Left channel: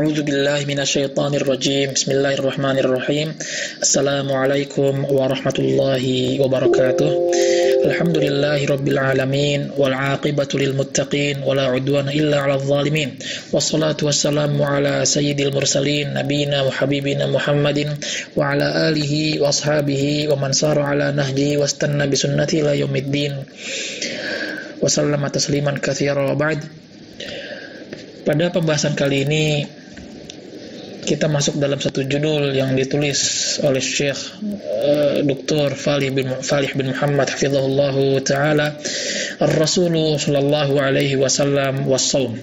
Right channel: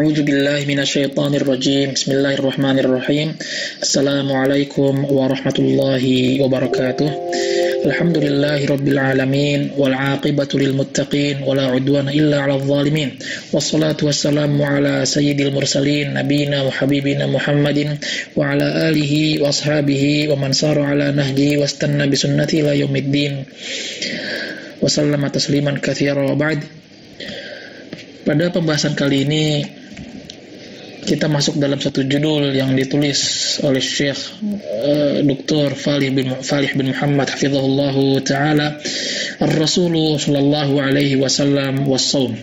A'udzu billahi minasyaitonir rajim. Bismillahirrahmanirrahim. Assalamualaikum warahmatullahi wabarakatuh. Alhamdulillahirabbil alamin wal 'aqibatu lil muttaqin wala 'udwana illa 'alal zalimin. Wassalatu wassalamu ala sayyidil mursalin nabiyina wa habibina Muhammadin wa ala alihi wa ashabihi wa man sara ala nahji wastanna bi sunnati ila yaumiddin. Wa sallama tasliman katsira wa ba'd. Pada pembahasan kali ini kita masuk dalam satu judul yang ditulis oleh Syekh Dr. Falih bin Muhammad hafizahullahu taala, Ar-Rasul sallallahu alaihi wasallam was-shaum.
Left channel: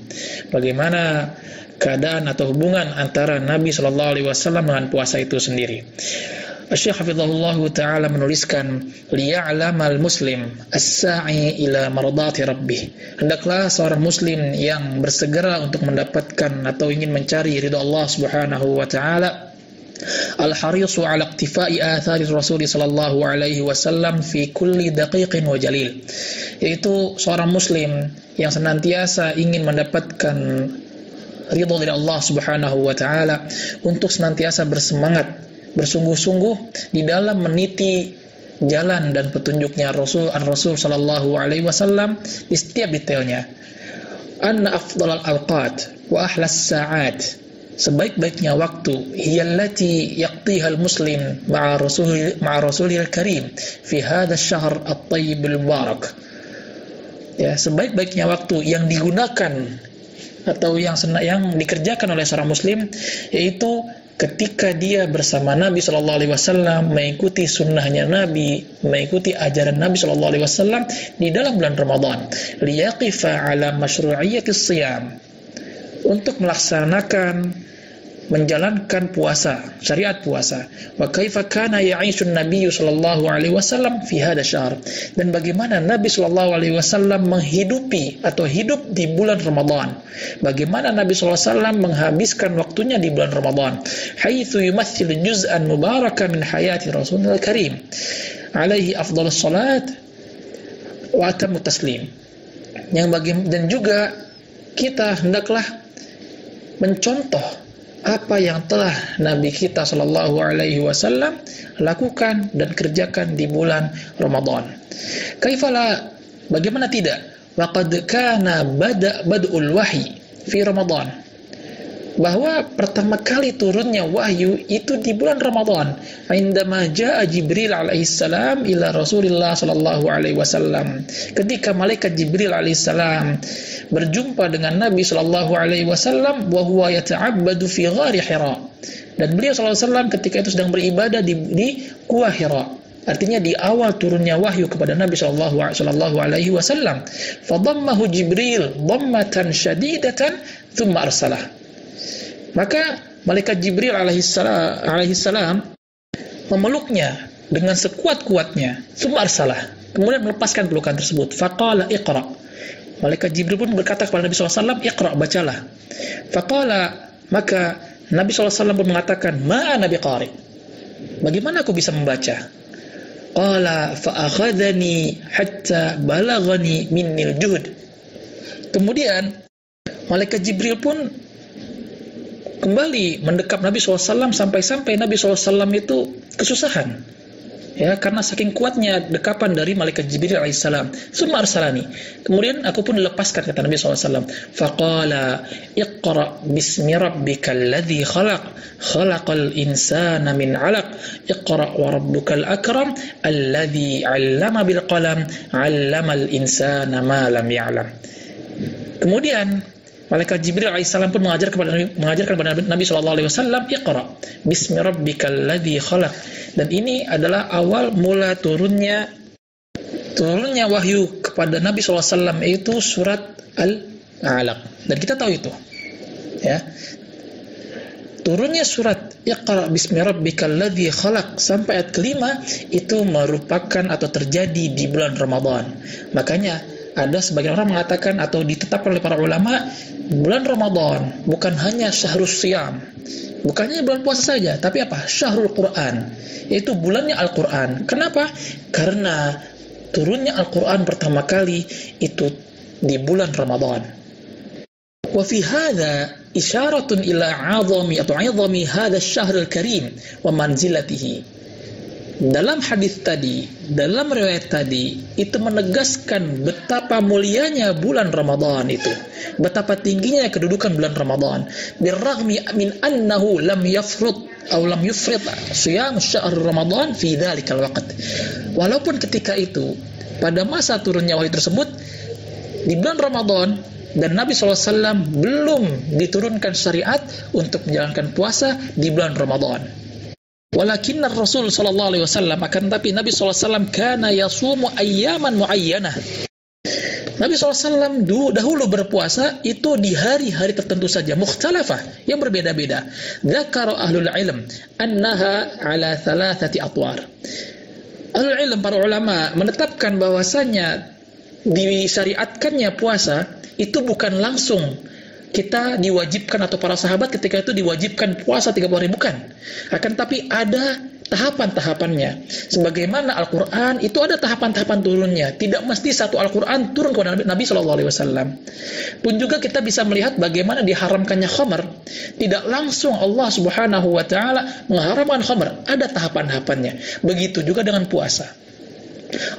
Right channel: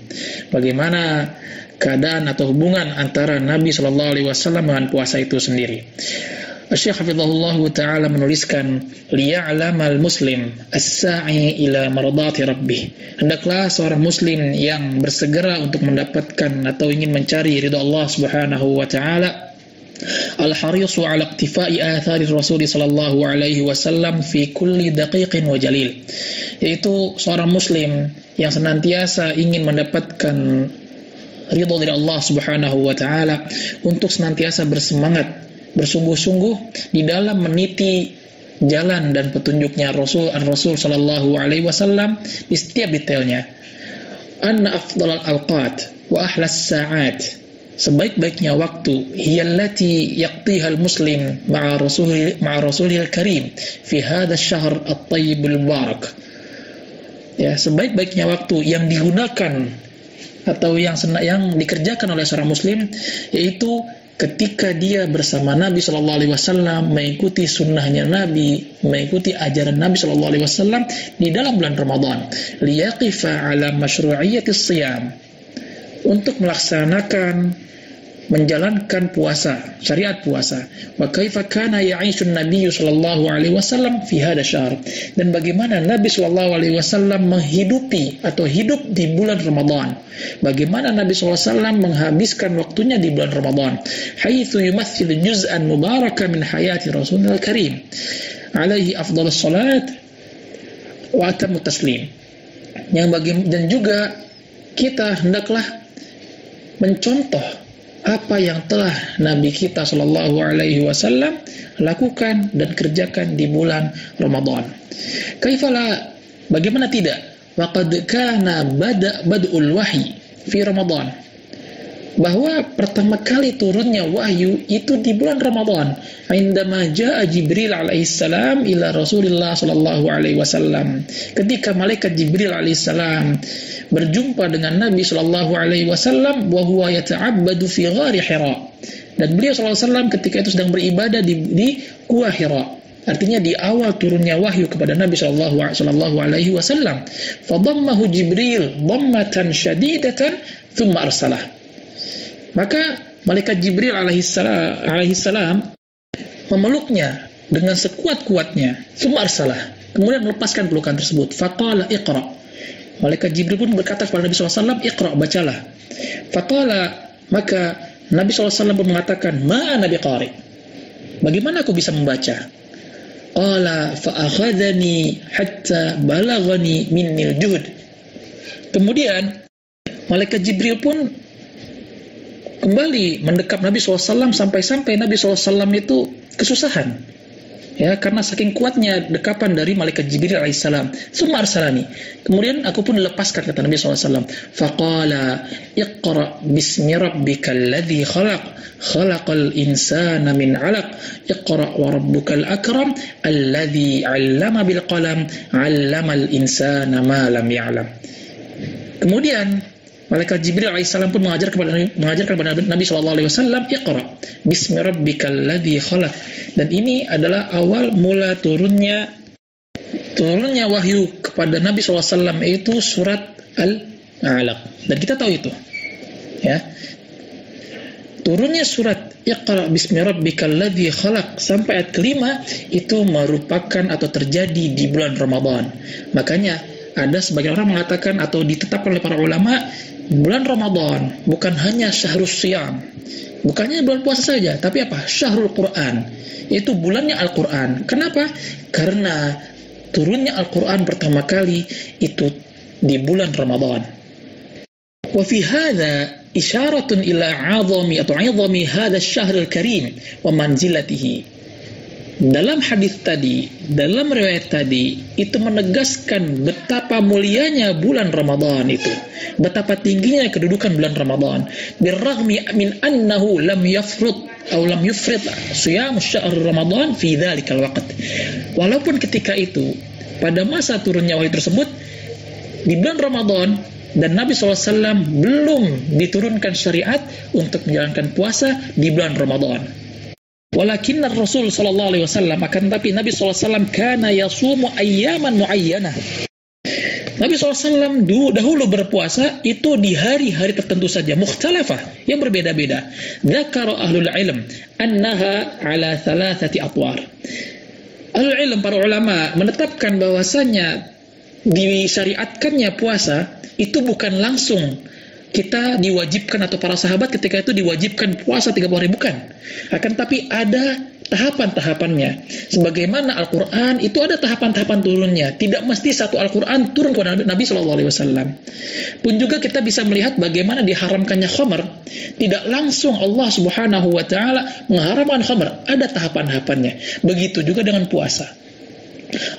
Bagaimana keadaan atau hubungan antara Nabi sallallahu alaihi wasallam dengan puasa itu sendiri. Syekh hafizahullahu taala menuliskan, liya'lamal muslim as-sa'i ila mardati rabbih. Hendaklah seorang muslim yang bersegera untuk mendapatkan atau ingin mencari ridha Allah Subhanahu wa taala, al-harisu 'ala iktifai athari Rasul sallallahu alaihi wasallam fi kulli daqiqin wa jalil. Yaitu seorang muslim yang senantiasa ingin mendapatkan ridha dari Allah Subhanahu wa taala untuk senantiasa bersemangat, bersungguh-sungguh di dalam meniti jalan dan petunjuknya Rasul sallallahu alaihi wasallam di setiap detailnya. Anna afdalal awqat wa ahlas sa'at, sebaik-baiknya waktu hiyallati yaqtihal muslim ma'a rasulihil karim fi hadha asy-syahr at-tayyibul mubarak. Ya, sebaik-baiknya waktu yang digunakan atau yang dikerjakan oleh seorang muslim yaitu ketika dia bersama Nabi sallallahu alaihi wasallam, mengikuti sunnahnya Nabi, mengikuti ajaran Nabi sallallahu alaihi wasallam di dalam bulan Ramadan, liyaqifa ala masyru'iyyatis shiyam, untuk melaksanakan, menjalankan puasa, syariat puasa. Wa kaifa kana ya'ishun Nabi sallallahu alaihi wasallam fi hadha syahr, dan bagaimana Nabi sallallahu alaihi wasallam menghidupi atau hidup di bulan Ramadan. Bagaimana Nabi sallallahu alaihi wasallam menghabiskan waktunya di bulan Ramadan. Haitsu yumathil juz'an mubaraka min hayati Rasulil Karim alaihi afdhalus salat wa atamut taslim. Dan juga kita hendaklah mencontoh apa yang telah Nabi kita sallallahu alaihi wasallam lakukan dan kerjakan di bulan Ramadan. Kaifala, bagaimana tidak? Waqad kana bad'ul wahyi fi Ramadan, bahwa pertama kali turunnya wahyu itu di bulan Ramadan. Indama jaa Jibril alaihissalam ila Rasulillah sallallahu alaihi wasallam, ketika malaikat Jibril alaihissalam berjumpa dengan Nabi sallallahu alaihi wasallam wa huwa yata'abbadu fi ghari Hira, dan beliau sallallahu alaihi wasallam ketika itu sedang beribadah di Gua Hira. Artinya di awal turunnya wahyu kepada Nabi sallallahu alaihi wasallam. Fadammahu Jibril dhammatan syadidatan thumma arsalah. Maka malaikat Jibril alaihissalam memeluknya dengan sekuat-kuatnya, thumma arsalah, kemudian melepaskan pelukan tersebut. Faqala iqra, malaikat Jibril pun berkata kepada Nabi SAW, iqra, bacalah. Faqala, maka Nabi SAW pun mengatakan, ma'ana biqari, bagaimana aku bisa membaca? Qala fa'akhadhani hatta balaghani minnil juhud. Kemudian malaikat Jibril pun kembali mendekap Nabi SAW sampai Nabi SAW itu kesusahan, ya, karena saking kuatnya dekapan dari malaikat Jibril alaihissalam. Summa arsalani, kemudian aku pun dilepaskan, kata Nabi SAW. Faqala iqra bismi rabbikal ladzi khalaq, khalaqal insana min 'alaq, iqra wa rabbukal akram alladzi 'allama bil qalam 'allamal insana ma lam ya'lam. Kemudian malaikat Jibril alaihissalam pun mengajarkan kepada Nabi SAW, iqra bismi rabbikal ladzi khalaq. Dan ini adalah awal mula turunnya wahyu kepada Nabi SAW, yaitu surat Al-Alaq. Dan kita tahu itu, ya, turunnya surat iqra bismi rabbikal ladzi khalaq sampai ayat kelima itu merupakan atau terjadi di bulan Ramadan. Makanya ada sebagian orang mengatakan atau ditetapkan oleh para ulama, bulan Ramadan bukan hanya syahrus siyam, bukannya bulan puasa saja, tapi apa? Syahrul Quran, itu bulannya Al-Quran. Kenapa? Karena turunnya Al-Quran pertama kali itu di bulan Ramadan. Wa fi hadza isyaratun ila 'azami hadha asy-syahr al-karim wa manzilatihi. Dalam hadis tadi, dalam riwayat tadi, itu menegaskan betapa mulianya bulan Ramadan itu, betapa tingginya kedudukan bulan Ramadan. Birrahmi min annahu lam yafrud atau lam yufrid siyam syahr Ramadan fi dzalikal waqt. Walaupun ketika itu, pada masa turunnya wahyu tersebut di bulan Ramadan, dan Nabi SAW belum diturunkan syariat untuk menjalankan puasa di bulan Ramadan. Walakin Rasul sallallahu alaihi wasallam, akan tapi Nabi SAW kana yasumu ayyaman muayyanah. Nabi SAW dahulu berpuasa itu di hari-hari tertentu saja, mukhtalafah, yang berbeda-beda. Dzakara ahlul ilm annaha ala thalathati atwar. Ahlul ilm, para ulama, menetapkan bahwasanya disyariatkannya puasa itu bukan langsung kita diwajibkan, atau para sahabat ketika itu diwajibkan puasa 30 hari, bukan. Akan tapi ada tahapan-tahapannya. Sebagaimana Al-Quran itu ada tahapan-tahapan turunnya. Tidak mesti satu Al-Quran turun kepada Nabi SAW. Pun juga kita bisa melihat bagaimana diharamkannya khamar. Tidak langsung Allah Subhanahu wa Ta'ala mengharamkan khamar. Ada tahapan-tahapannya. Begitu juga dengan puasa.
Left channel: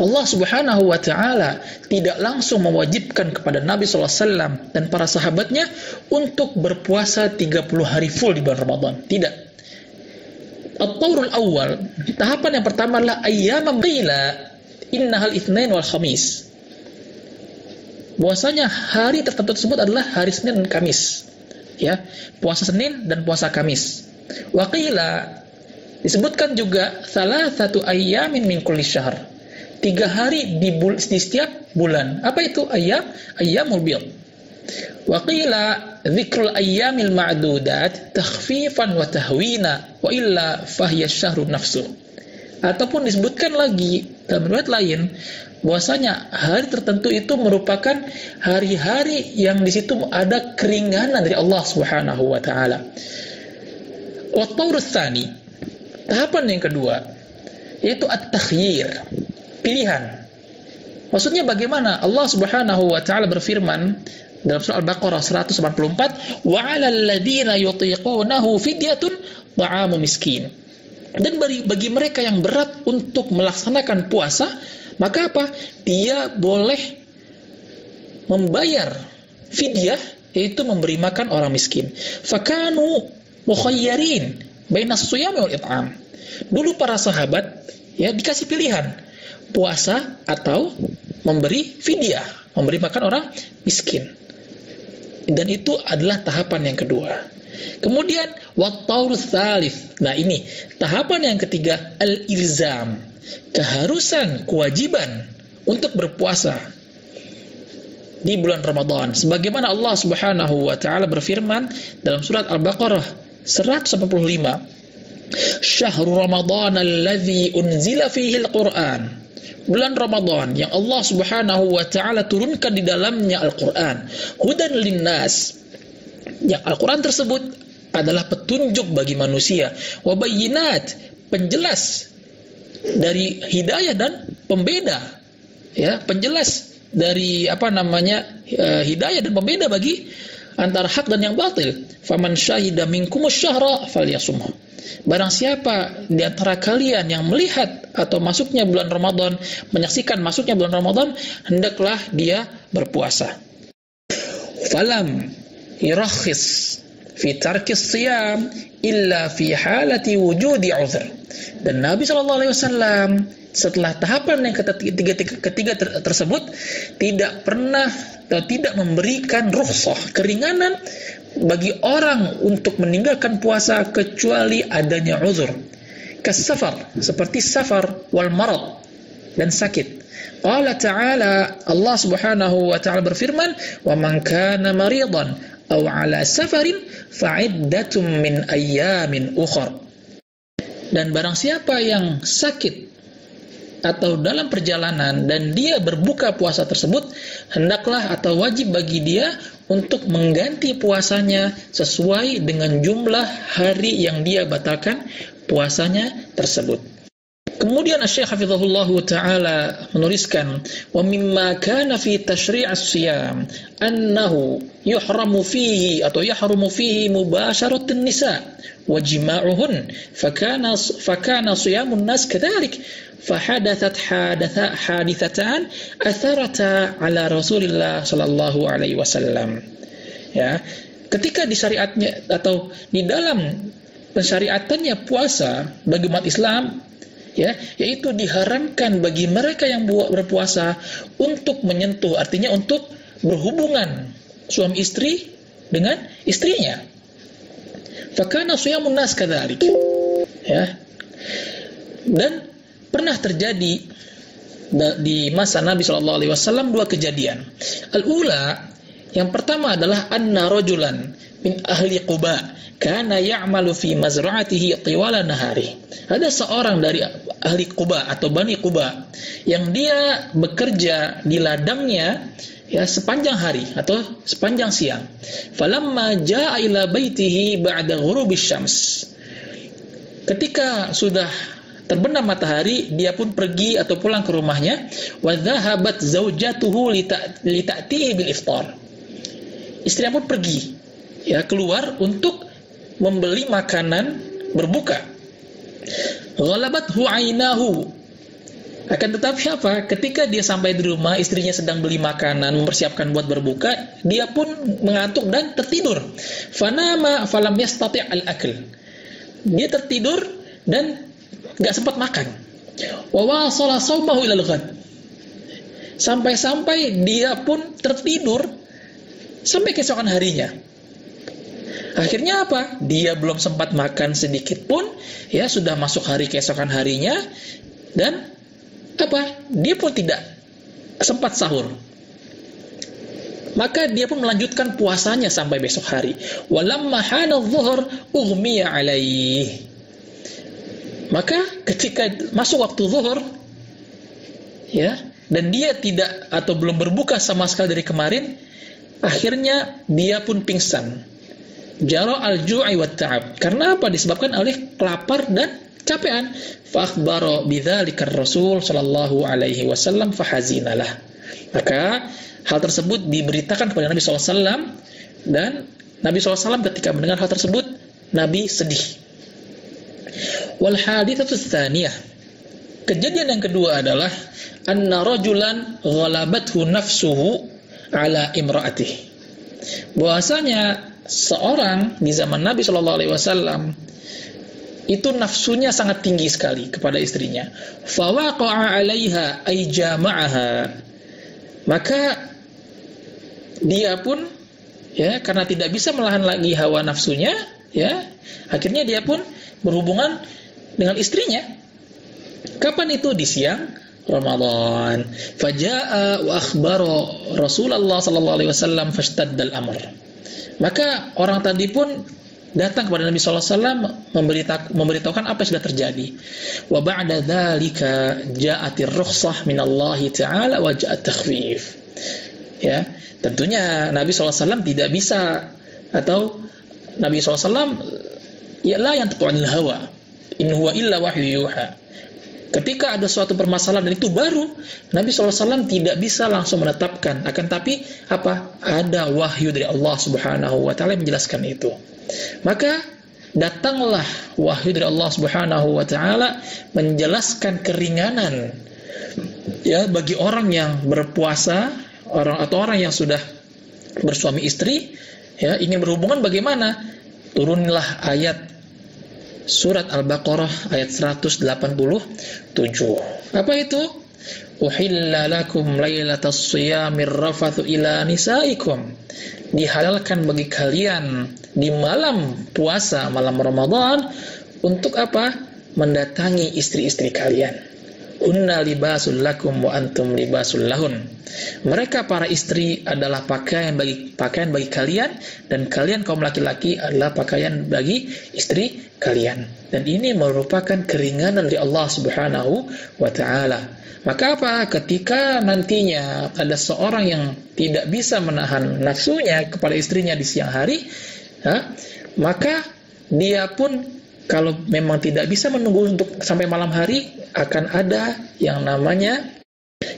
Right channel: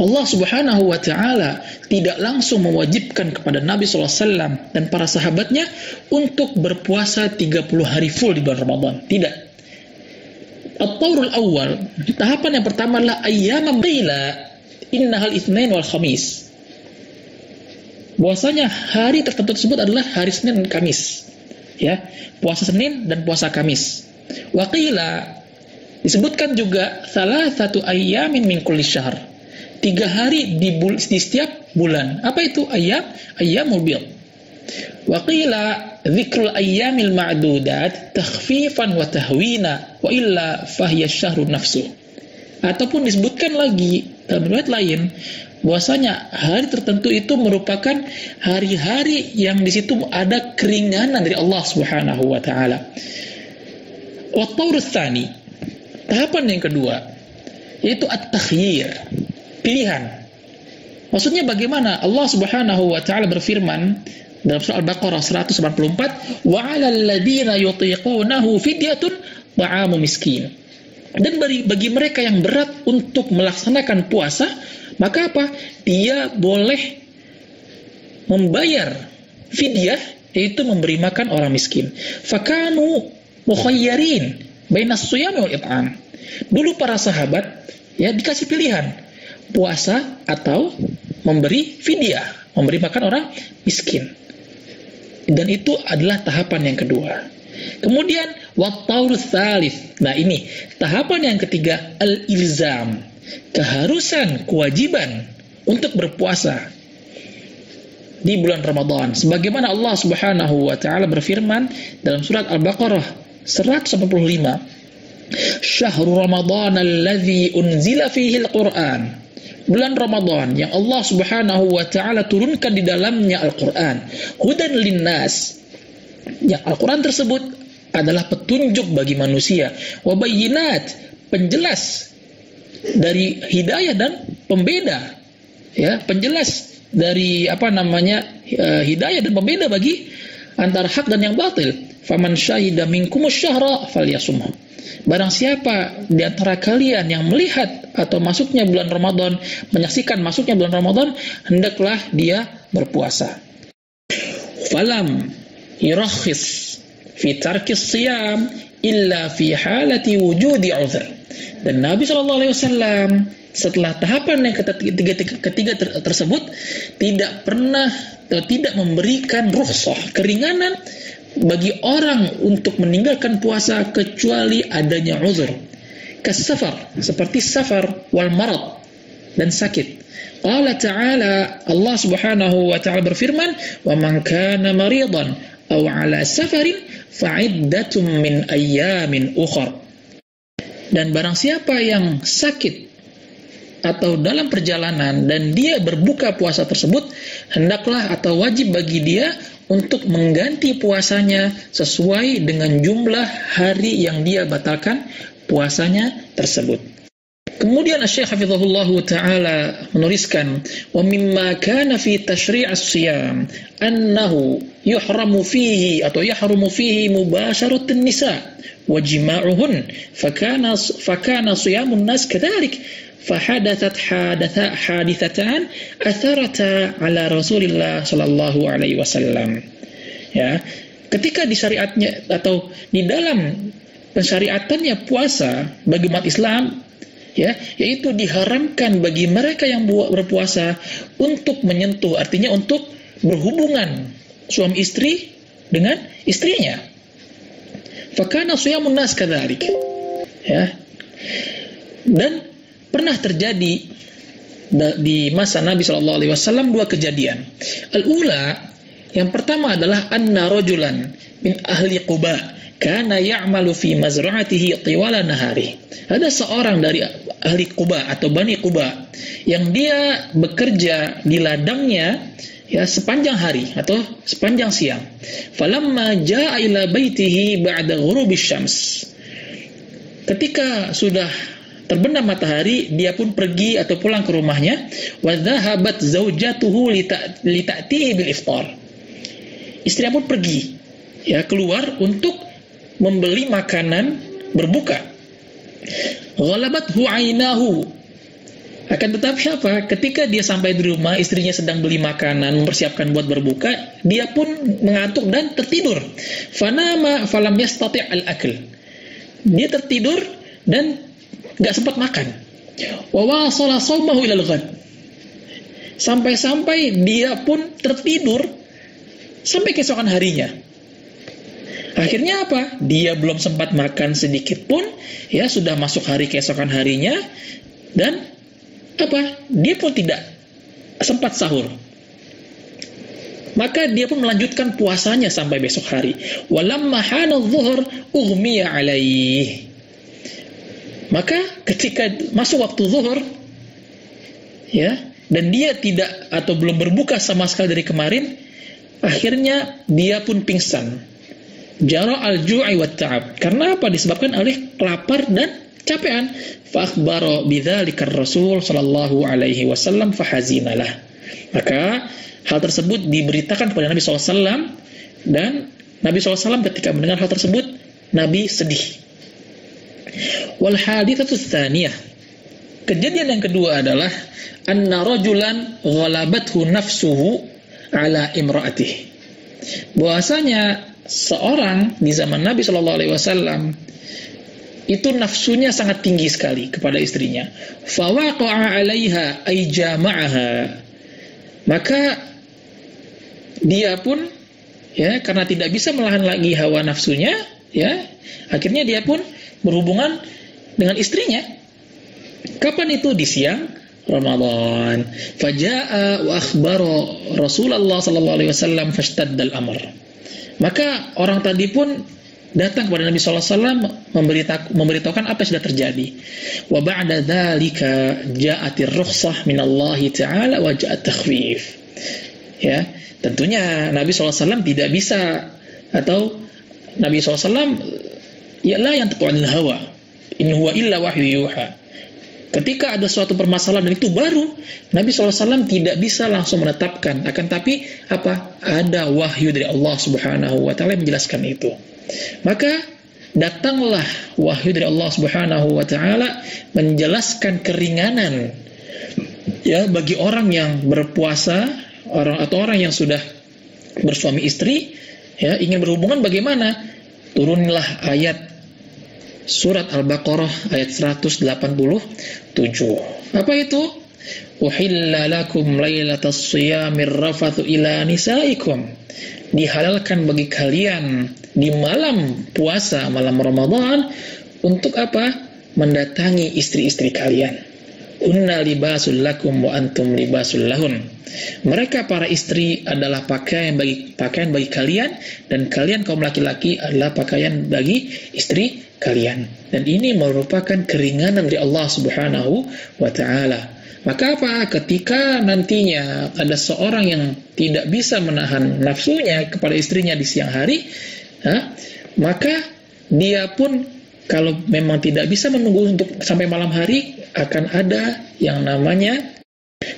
Allah Subhanahu wa Ta'ala tidak langsung mewajibkan kepada Nabi SAW dan para sahabatnya untuk berpuasa 30 hari full di bulan Ramadan. Tidak. At-Taurul awal, tahapan yang pertama adalah ayyamam qila innahal itsnain wal khamis. Bahwasanya hari tertentu tersebut adalah hari Senin dan Kamis. Ya, puasa Senin dan puasa Kamis. Wa qila, disebutkan juga salah satu ayyamin min kulli syahr. 3 hari di setiap bulan. Apa itu ayyam? Ayyamul bid. Wa qila dzikrul ayyamil ma'dudat takhfifan wa tahwina wa illa fahiya syahrun nafsu. Ataupun disebutkan lagi dalam riwayat lain bahwasanya hari tertentu itu merupakan hari-hari yang di situ ada keringanan dari Allah Subhanahu wa Ta'ala. Wa taurus tsani, tahapan yang kedua, yaitu at-takhyir, pilihan. Maksudnya bagaimana? Allah Subhanahu wa Ta'ala berfirman dalam surah Al-Baqarah 194, wa 'alal ladzina yutiqunahu fidyatun ta'amu miskin. Dan bagi mereka yang berat untuk melaksanakan puasa, maka apa? Dia boleh membayar fidyah, yaitu memberi makan orang miskin. Fakanu mukhayyarin bainas shiyam wal it'am. Dulu para sahabat ya dikasih pilihan, puasa atau memberi fidyah, memberi makan orang miskin. Dan itu adalah tahapan yang kedua. Kemudian wat-taurus tsalits. Nah, ini tahapan yang ketiga, al-ilzam, keharusan, kewajiban untuk berpuasa di bulan Ramadan. Sebagaimana Allah Subhanahu wa Ta'ala berfirman dalam surat Al-Baqarah 185, Syahrul Ramadan alladzi unzila fihi al-Qur'an. Bulan Ramadan yang Allah Subhanahu wa Ta'ala turunkan di dalamnya Al-Quran, hudan linnas, yang Al-Quran tersebut adalah petunjuk bagi manusia, wa bayyinat, penjelas dari hidayah dan pembeda, ya, penjelas dari hidayah dan pembeda bagi antara hak dan yang batil. Faman syahida minkumus syahra falyasumhu. Barang siapa di antara kalian yang melihat atau masuknya bulan Ramadan, menyaksikan masuknya bulan Ramadan, hendaklah dia berpuasa. Falam yurakhis fi tarkis siyam illa fi halati wujudi uzr. Dan Nabi SAW setelah tahapan yang ketiga tersebut tidak pernah atau tidak memberikan rukhsah, keringanan bagi orang untuk meninggalkan puasa kecuali adanya uzur. Kasafar, seperti safar, wal marad, dan sakit. Qala ta'ala, Allah Subhanahu wa Ta'ala berfirman, wa man kana maridan aw ala safarin fa'iddatum min ayyamin ukhra. Dan barang siapa yang sakit atau dalam perjalanan dan dia berbuka puasa tersebut, hendaklah atau wajib bagi dia untuk mengganti puasanya sesuai dengan jumlah hari yang dia batalkan puasanya tersebut. Kemudian Syekh Hafizahullah Ta'ala menuliskan, wa mimma kana fi tasyri' as-siyam annahu yuhramu fihi atau yahrumu fihi mubasharatun nisa wa jima'uhun fakana siyamun nas kadhalik fahadathat hadithatan atharata ala Rasulillah sallallahu alaihi wasallam. Ya, ketika di syariatnya atau di dalam pensyariatannya puasa bagi umat Islam, ya, yaitu diharamkan bagi mereka yang berpuasa untuk menyentuh, artinya untuk berhubungan suami istri dengan istrinya. Fakana siyamun nas kadzalik. Ya. Dan pernah terjadi di masa Nabi sallallahu alaihi wasallam dua kejadian. Al-ula, yang pertama adalah anna rajulan min ahli Quba kana ya'malu fi mazra'atihi tiwala nahari. Ada seorang dari ahli Quba atau Bani Quba yang dia bekerja di ladangnya, ya, sepanjang hari atau sepanjang siang. Falamma jaa ila baitihi ba'da ghurubisy syams. Ketika sudah terbenam matahari, dia pun pergi atau pulang ke rumahnya. Wa dhahabat zaujatuhu lita'tihi bil iftar. Istrinya pun pergi, ya, keluar untuk membeli makanan berbuka. Ghalabathu ainahu. Akan tetapi apa? Ketika dia sampai di rumah, istrinya sedang beli makanan, mempersiapkan buat berbuka, dia pun mengantuk dan tertidur. Fanama falam yastati' al-akl. Dia tertidur dan gak sempat makan. Wa wasala shaumahu ilal ghad. Sampai-sampai dia pun tertidur sampai keesokan harinya. Akhirnya apa? Dia belum sempat makan sedikit pun, ya, sudah masuk hari keesokan harinya, dan apa? Dia pun tidak sempat sahur. Maka dia pun melanjutkan puasanya sampai besok hari. Walamma hana adh-dhuhr ughmiya alaih. Maka ketika masuk waktu zuhur, ya, dan dia tidak atau belum berbuka sama sekali dari kemarin, akhirnya dia pun pingsan. Jara al-ju'i wa ta'ab. Karena apa? Disebabkan oleh lapar dan capean. Fa-akhbara bidzalika ar-Rasul sallallahu alaihi wasallam fahazinalah. Maka hal tersebut diberitakan kepada Nabi SAW, dan Nabi SAW ketika mendengar hal tersebut, Nabi sedih. Wal haditsatu tsaniyah. Kejadian yang kedua adalah anna rajulan ghalabathu nafsuhu ala imra'atihi. Bahwasanya seorang di zaman Nabi sallallahu alaihi wasallam itu nafsunya sangat tinggi sekali kepada istrinya. Fawaqa'a 'alaiha ay jama'aha. Maka dia pun, ya, karena tidak bisa menahan lagi hawa nafsunya, ya, akhirnya dia pun berhubungan dengan istrinya. Kapan itu? Di siang Ramadan. Faja'a wa akhbara Rasulullah sallallahu alaihi wasallam fashtadda al-amr. Maka orang tadi pun datang kepada Nabi sallallahu alaihi wasallam memberitahukan apa yang sudah terjadi. Wa ba'da dzalika ja'atir rukhsah min Allah taala wa ja'at takhfif. Ya, tentunya Nabi sallallahu alaihi wasallam tidak bisa, atau Nabi sallallahu alaihi wasallam ya la yantiqu 'anil hawa in huwa illa wahyu yuha. Ketika ada suatu permasalahan dan itu baru, Nabi SAW tidak bisa langsung menetapkan. Akan tapi apa? Ada wahyu dari Allah Subhanahu wa Ta'ala yang menjelaskan itu. Maka datanglah wahyu dari Allah Subhanahu wa Ta'ala menjelaskan keringanan, ya, bagi orang yang berpuasa, orang yang sudah bersuami istri, ya, ingin berhubungan bagaimana? Turunlah ayat Surat Al-Baqarah ayat 187. Apa itu? Uhilla lakum lailatas siyamir rafathu ila nisaikum. Dihalalkan bagi kalian di malam puasa, malam Ramadan, untuk apa? Mendatangi istri-istri kalian. Hunna libasul lakum wa antum libasul lahun. Mereka para istri adalah pakaian bagi kalian, dan kalian kaum laki-laki adalah pakaian bagi istri kalian. Dan ini merupakan keringanan dari Allah Subhanahu wa Ta'ala. Maka apa? Ketika nantinya ada seorang yang tidak bisa menahan nafsunya kepada istrinya di siang hari, maka dia pun kalau memang tidak bisa menunggu untuk sampai malam hari, akan ada yang namanya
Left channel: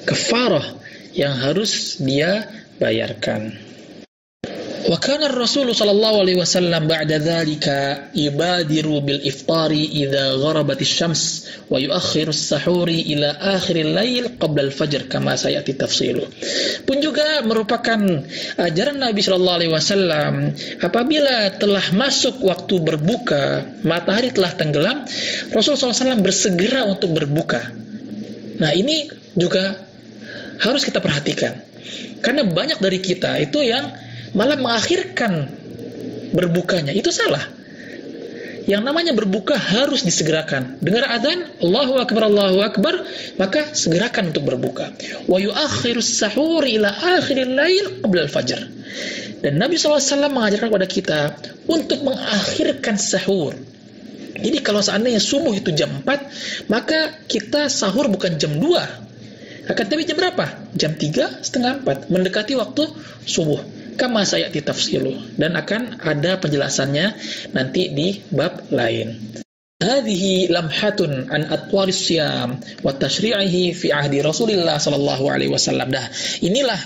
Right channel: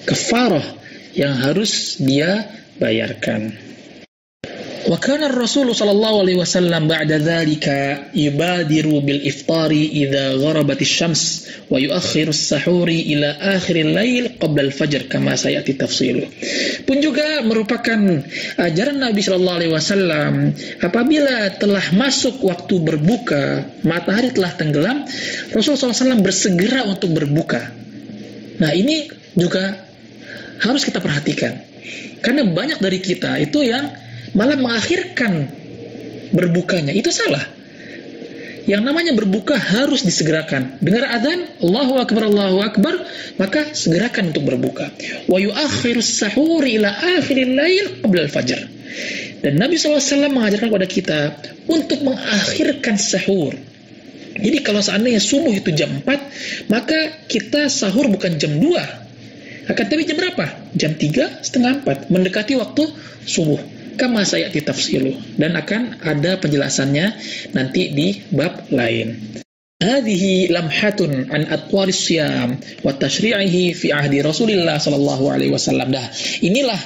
kafarah yang harus dia bayarkan. Wa kana ar-rasul sallallahu alaihi wasallam ba'da dhalika yubadiru bil iftari idza gharabat asy-syams wa yuakhiru as-sahuri ila akhir al-lail qabla al-fajr kama sayati tafsilu. Pun juga merupakan ajaran Nabi sallallahu alaihi wasallam, apabila telah masuk waktu berbuka, matahari telah tenggelam, Rasulullah SAW bersegera untuk berbuka. Nah, ini juga harus kita perhatikan. Karena banyak dari kita itu yang malah mengakhirkan berbukanya. Itu salah. Yang namanya berbuka harus disegerakan. Dengar adzan, Allahu Akbar, maka segerakan untuk berbuka. Wa yuakhirus sahur ila akhiril lail qabla al-fajr. Dan Nabi SAW mengajarkan kepada kita untuk mengakhirkan sahur. Jadi kalau seandainya subuh itu jam 4, maka kita sahur bukan jam 2. Akan tapi jam berapa? Jam 3:30, mendekati waktu subuh. Kama sayati tafsilu, dan akan ada penjelasannya nanti di bab lain. Hadhihi lamhatun an atwaris syam wa tashri'ihi fi ahdi Rasulillah sallallahu alaihi wasallam. Nah, inilah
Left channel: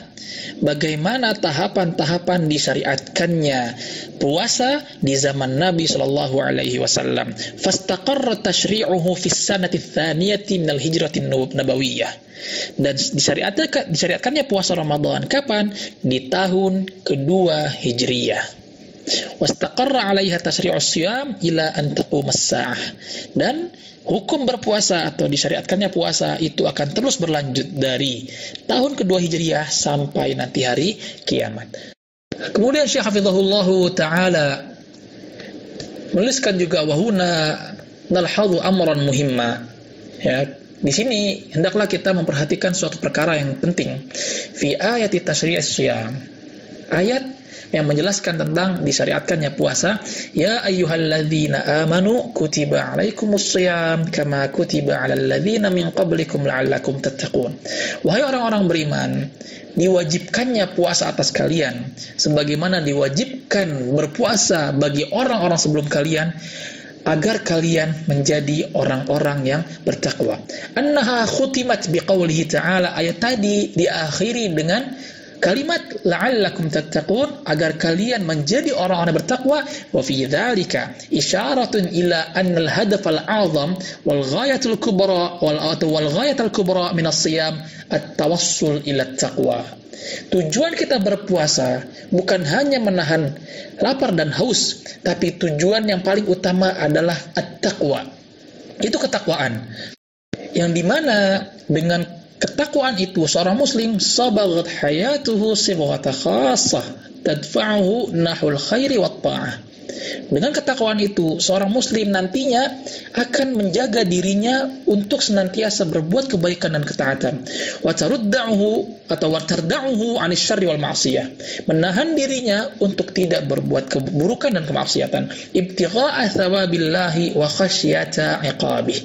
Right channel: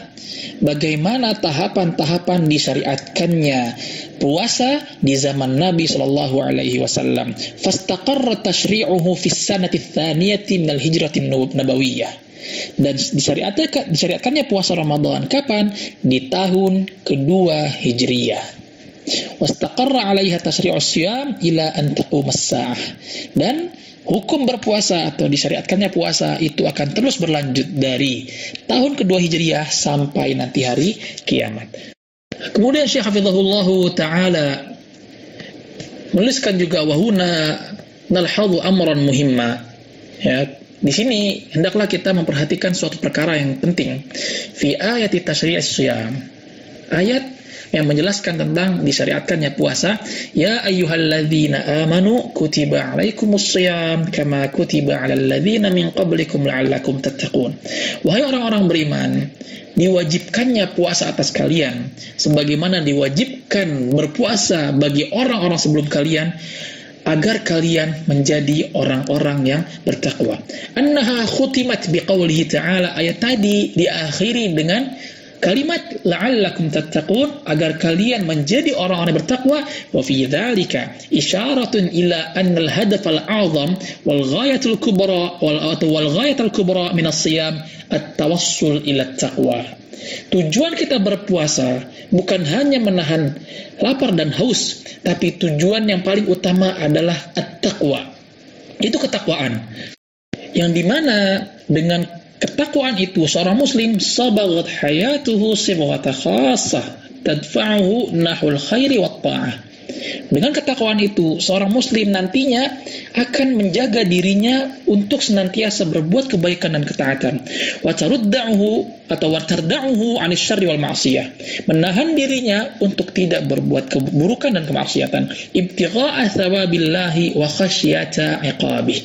bagaimana tahapan-tahapan disyariatkannya puasa di zaman Nabi sallallahu alaihi wasallam. Fastaqarra tashri'uhu fi sanati tsaniyati min al-hijrati an-nabawiyyah. Dan disyariatkannya puasa Ramadan kapan? Di tahun kedua Hijriyah. Wastaqarra 'alaiha tasyri'us syiyam ila an taqum as-sa'ah. Dan hukum berpuasa atau disyariatkannya puasa itu akan terus berlanjut dari tahun kedua Hijriyah sampai nanti hari kiamat. Kemudian Syekh Hafizahullah Ta'ala menuliskan juga wahuna nalhadhu amran muhimma. Ya, di sini hendaklah kita memperhatikan suatu perkara yang penting. Fi ayati tasyri'is syiyam. Ayat yang menjelaskan tentang disyariatkannya puasa. Ya ayyuhalladzina amanu kutiba 'alaikumus syiyam kama kutiba 'alal ladzina min qablikum la'allakum tattaqun. Wahai orang-orang beriman, diwajibkannya puasa atas kalian sebagaimana diwajibkan berpuasa bagi orang-orang sebelum kalian, agar kalian menjadi orang-orang yang bertakwa. Annaha khutimat biqaulihi ta'ala. Ayat tadi diakhiri dengan kalimat la'allakum tattaqun, agar kalian menjadi orang-orang bertakwa. Wa fi dzalika isyaratun ila anna al-hadaf al-'azam wal ghayatul kubra wal ghayatul kubra min as-siyam at-tawassul ila at-taqwa. Tujuan kita berpuasa bukan hanya menahan lapar dan haus, tapi tujuan yang paling utama adalah at-taqwa. Itu ketakwaan. Yang dimana dengan ketakwaan itu seorang muslim sabagat hayatuhu sibghata khassah tadfa'uhu nahul khairi wat ta'ah. Dengan ketakwaan itu seorang muslim nantinya akan menjaga dirinya untuk senantiasa berbuat kebaikan dan ketaatan. Wa tarudda'uhu atau wa tarda'uhu 'anil syarri wal ma'siyah. Menahan dirinya untuk tidak berbuat keburukan dan kemaksiatan. Ibtigha'a thawabillahi wa khasyata 'iqabih.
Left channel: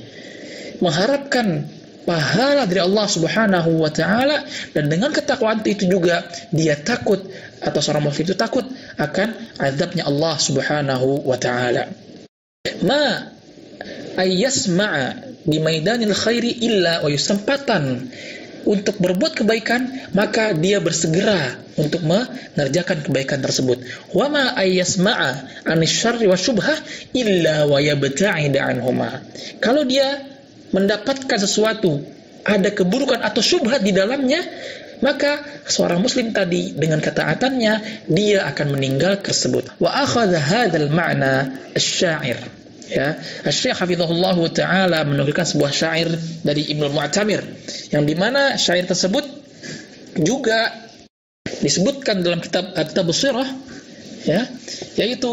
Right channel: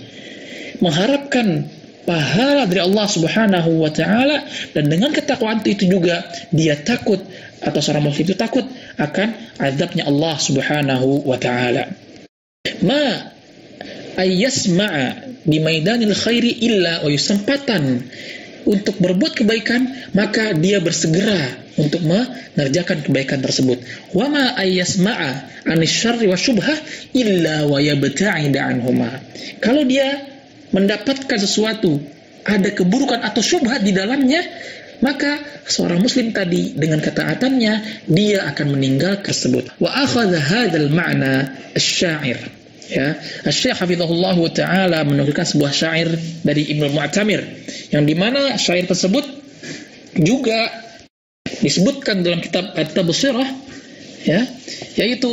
Mengharapkan pahala dari Allah Subhanahu wa taala, dan dengan ketakwaan itu juga dia takut atau seorang muslim itu takut akan azabnya Allah Subhanahu wa taala. Ma ayyasma'a di maidanil khairi illa wa yusampatan. Untuk berbuat kebaikan maka dia bersegera untuk mengerjakan kebaikan tersebut. Wa ma ayyasma'a anisyarri wasyubhah illa wa yabta'id anhuma. Kalau dia mendapatkan sesuatu, ada keburukan atau syubhat di dalamnya, maka seorang muslim tadi dengan ketaatannya dia akan meninggal tersebut. Wa akhadha hadzal ma'na asy-sya'ir. Ya, Asy-Syaikh Hafizahullah Ta'ala menukilkan sebuah syair dari Ibnu Mu'tamir, yang dimana syair tersebut juga disebutkan dalam kitab At-Tabsirah, ya, yaitu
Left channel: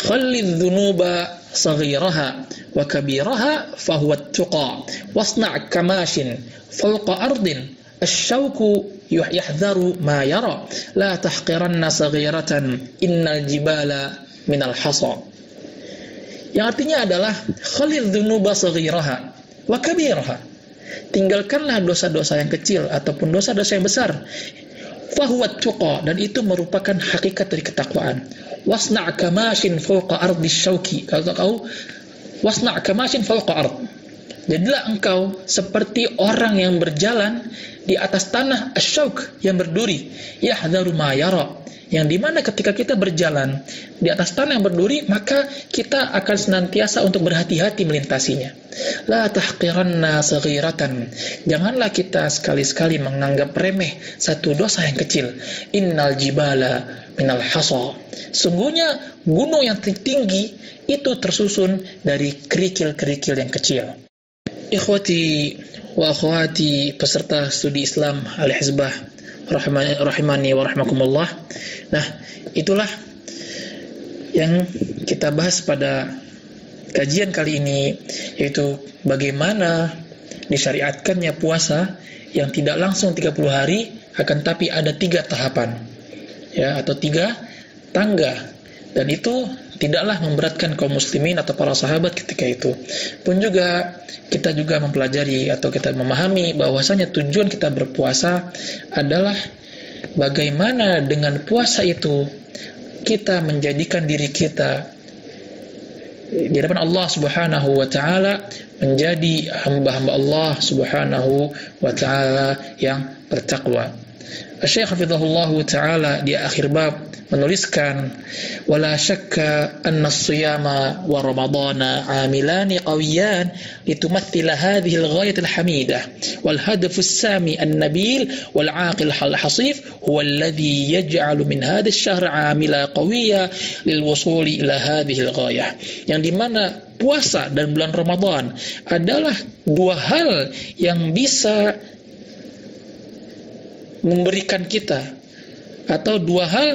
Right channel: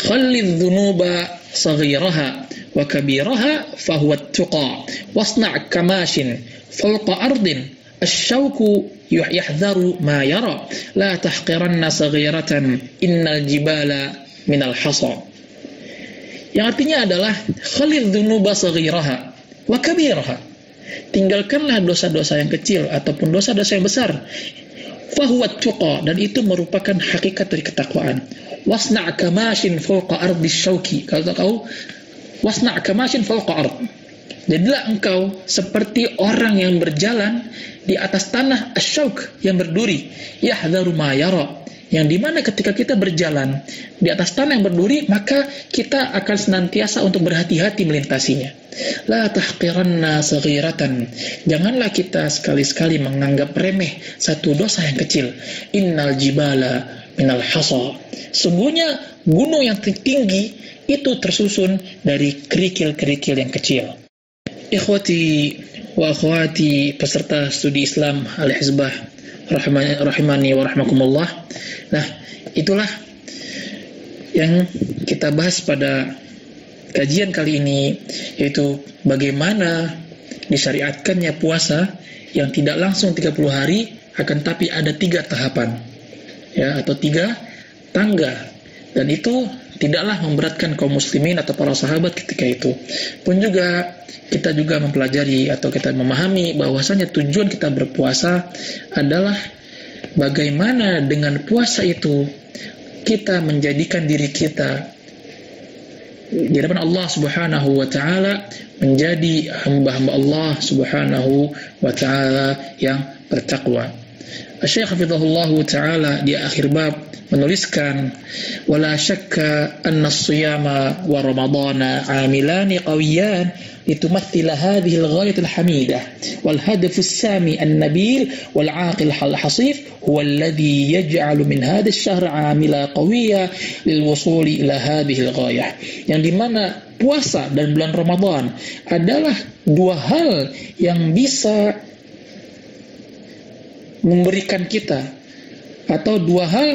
khallidz dzunuba saghiraha wa kabiraha fahuwa at-tuqa wasna' kamashin fawqa ardin asy-syauku yahdharu ma yara la tahqiranna saghiratan innal jibala minal hasa. Yang artinya adalah khalidz dzunuba saghiraha wa kabiraha. Tinggalkanlah dosa-dosa yang kecil ataupun dosa-dosa yang besar. Fahuwa at-tuqa, dan itu merupakan hakikat dari ketakwaan. Wasna' kamashin fawqa ardi syauki. Kalau tahu wasna' kamashin fawqa ard. Jadilah engkau seperti orang yang berjalan di atas tanah asyauk yang berduri, yahdharu ma yara, yang dimana ketika kita berjalan di atas tanah yang berduri, maka kita akan senantiasa untuk berhati-hati melintasinya. La tahqiranna saghiratan, janganlah kita sekali-sekali menganggap remeh satu dosa yang kecil. Innal jibala minal hasa, sungguhnya gunung yang tinggi itu tersusun dari kerikil-kerikil yang kecil. Ikhwati wa akhwati peserta studi Islam Al-Hizbah rahimani wa rahmakumullah. Nah, itulah yang kita bahas pada kajian kali ini, yaitu bagaimana disyariatkannya puasa yang tidak langsung 30 hari, akan tapi ada 3 tahapan, ya, atau 3 tangga, dan itu tidaklah memberatkan kaum muslimin atau para sahabat ketika itu. Pun juga kita juga mempelajari atau kita memahami bahwasanya tujuan kita berpuasa adalah bagaimana dengan puasa itu kita menjadikan diri kita di hadapan Allah Subhanahu wa taala menjadi hamba-hamba Allah Subhanahu wa taala yang bertakwa. Syekh hafizahullah taala di akhir bab menuliskan, wala syakka anna as-siyama wa ramadana amilani qawiyan litumathila hadhihi al-ghayat al-hamidah wal hadaf as-sami an-nabil wal 'aqil al-hasif huwa alladhi yaj'alu min hadha ash-shahr 'amila qawiyya lil wusuli ila hadhihi al-ghayah, yang dimana puasa dan bulan Ramadan adalah 2 hal yang bisa memberikan kita, atau 2 hal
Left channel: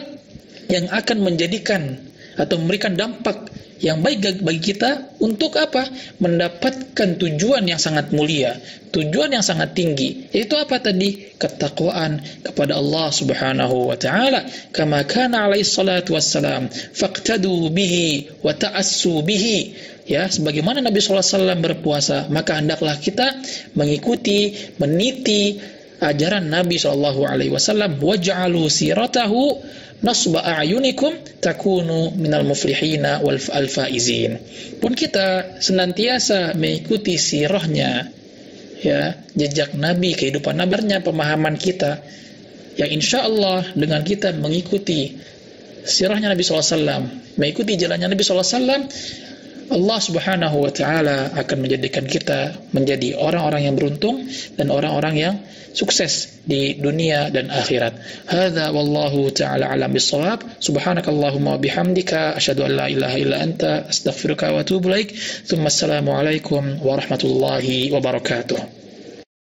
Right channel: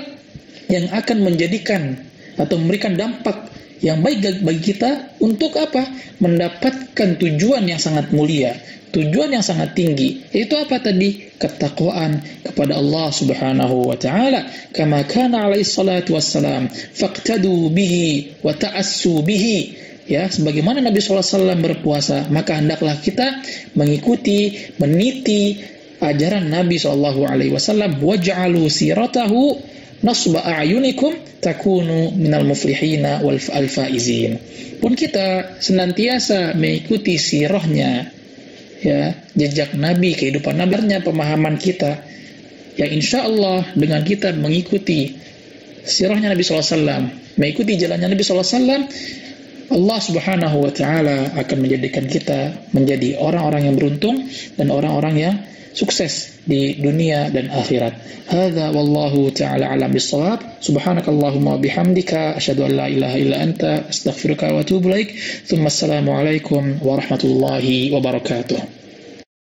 yang akan menjadikan atau memberikan dampak yang baik bagi kita untuk apa? Mendapatkan tujuan yang sangat mulia, tujuan yang sangat tinggi, yaitu apa tadi? Ketakwaan kepada Allah Subhanahu wa taala. Kama kana alaihi salatu wassalam faqtadu bihi wa ta'assu bihi. Ya, sebagaimana Nabi sallallahu alaihi wasallam berpuasa, maka hendaklah kita mengikuti, meniti ajaran Nabi sallallahu alaihi wasallam. Waj'alu siratahu nasba a'yunikum takunu minal muflihina wal faizin. Pun kita senantiasa mengikuti sirahnya, ya, jejak Nabi, kehidupan nabinya, pemahaman kita, ya, insyaallah dengan kita mengikuti sirahnya Nabi sallallahu alaihi wasallam, mengikuti jalannya Nabi sallallahu alaihi wasallam, Allah Subhanahu wa taala akan menjadikan kita menjadi orang-orang yang beruntung dan orang-orang yang sukses di dunia dan akhirat. Hadza wallahu taala alam bissawab. Subhanakallahumma wa bihamdika asyhadu an la ilaha illa anta astaghfiruka wa atubu ilaik. Tsumma assalamu alaikum warahmatullahi wabarakatuh.